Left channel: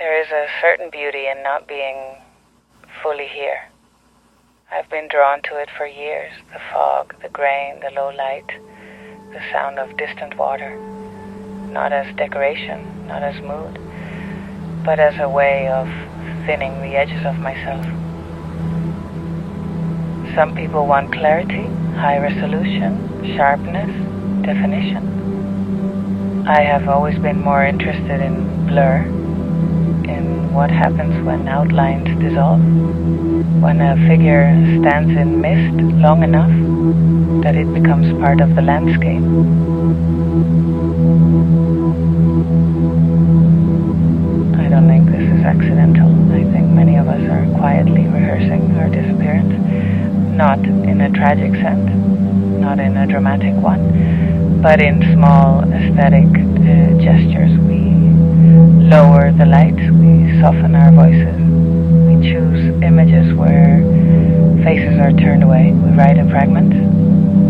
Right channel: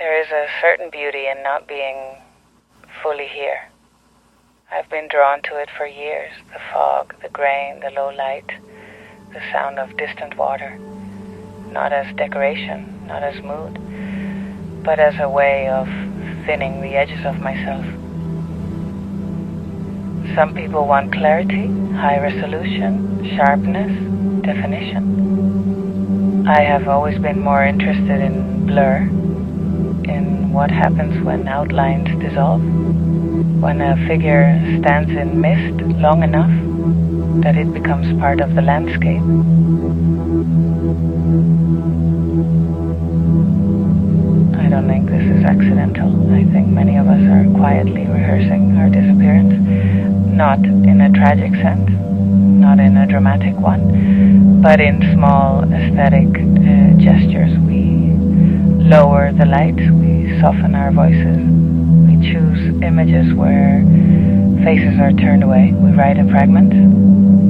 There is a certain beauty in not being fully here. I've been drawn to it for years, the fog, the grain, the low light, the sound of distant water, not as decoration, not as mood, but as a way of thinning the edges of myself. Some people want clarity, high resolution, sharpness, definition. I have always been more interested in blur, in what happens when outlines dissolve, when a figure stands in mist long enough that it becomes part of the landscape. I don't think this is accidental. I think many of us are quietly rehearsing our disappearance, not in a tragic sense, not in a dramatic one, but in small aesthetic gestures. We lower the light, we soften our voices, we choose images where faces are turned away, we write in fragments,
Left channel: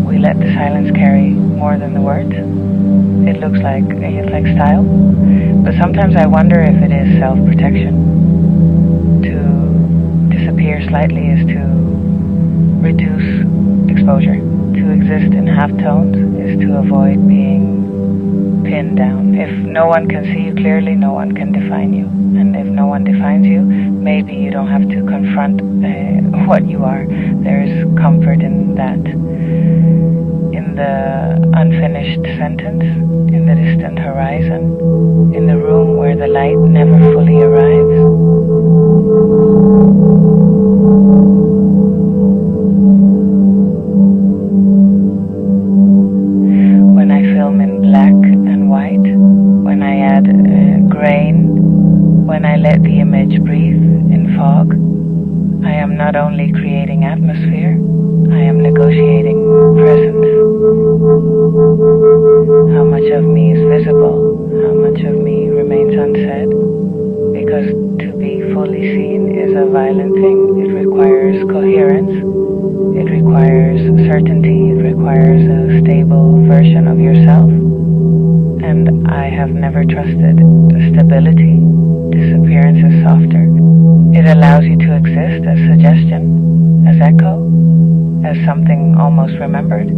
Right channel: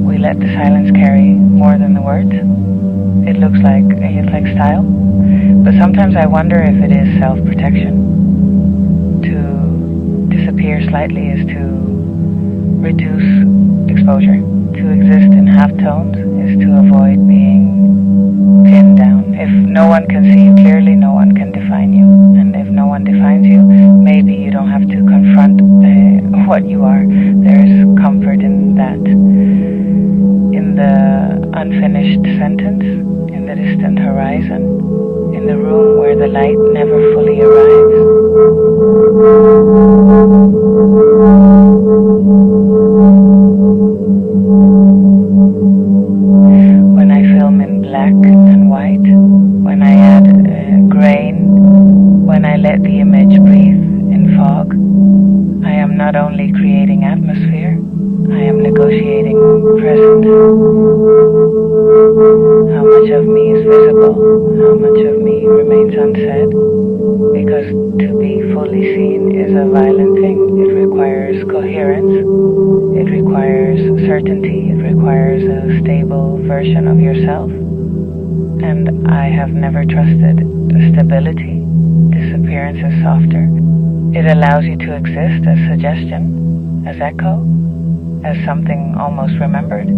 we let the silence carry more than the words. It looks like style, but sometimes I wonder if it is self-protection. To disappear slightly is to reduce exposure. To exist in half-tones is to avoid being pinned down. If no one can see you clearly, no one can define you. And if no one defines you, maybe you don't have to confront what you are. There is comfort in that. In the unfinished sentence, in the distant horizon, in the room where the light never fully arrives. When I film in black and white, when I add grain, when I let the image breathe in fog, I am not only creating atmosphere, I am negotiating presence. How much of me is visible? How much of me remains unsaid? Because to be fully seen is a violent thing. It requires coherence. It requires certainty. It requires a stable version of yourself. And I have never trusted stability. Disappearance is softer. It allows you to exist as suggestion, as echo, as something almost remembered.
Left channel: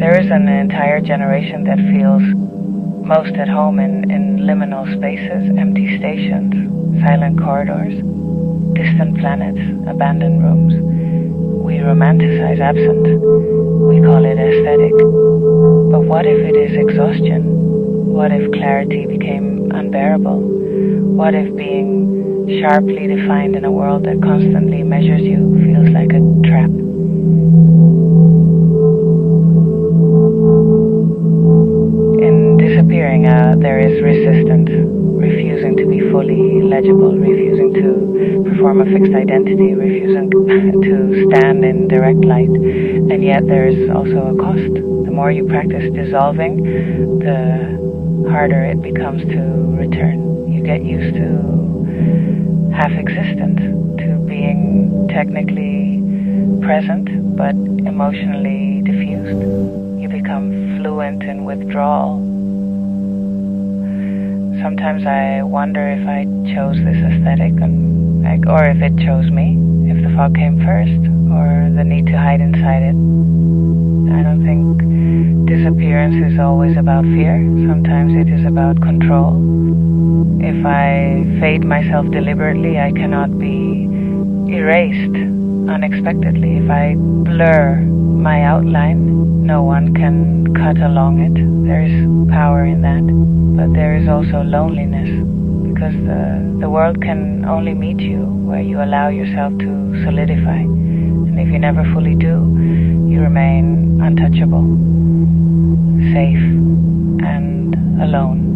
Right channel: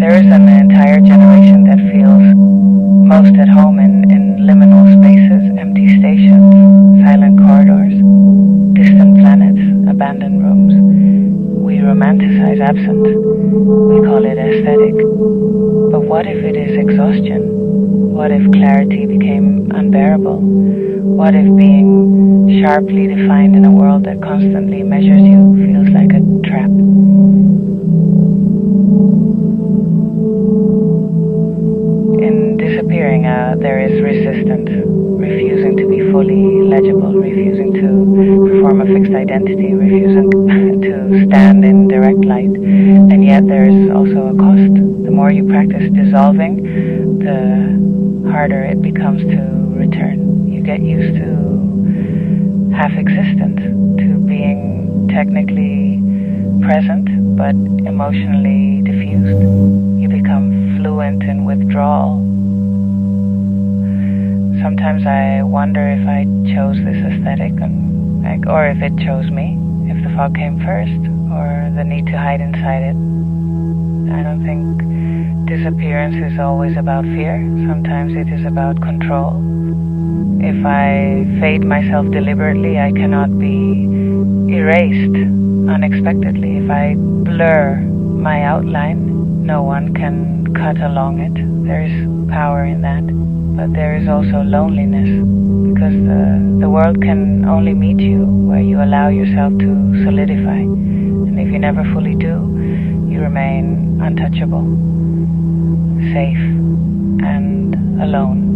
There is an entire generation that feels most at home in liminal spaces, empty stations, silent corridors, distant planets, abandoned rooms. We romanticize absence. We call it aesthetic. But what if it is exhaustion? What if clarity became unbearable? What if being sharply defined in a world that constantly measures you feels like a trap? In disappearing, there is resistance, refusing to be fully legible, refusing to perform a fixed identity, refusing to stand in direct light. And yet there is also a cost. The more you practice dissolving, the harder it becomes to return. You get used to half-existence, to being technically present but emotionally diffused. You become fluent in withdrawal. Sometimes I wonder if I chose this aesthetic, or if it chose me, if the fog came first, or the need to hide inside it. I don't think disappearance is always about fear. Sometimes it is about control. If I fade myself deliberately, I cannot be erased unexpectedly. If I blur my outline, no one can cut along it. There is power in that. But there is also loneliness, because the world can only meet you where you allow yourself to solidify. And if you never fully do, you remain untouchable, safe, and alone.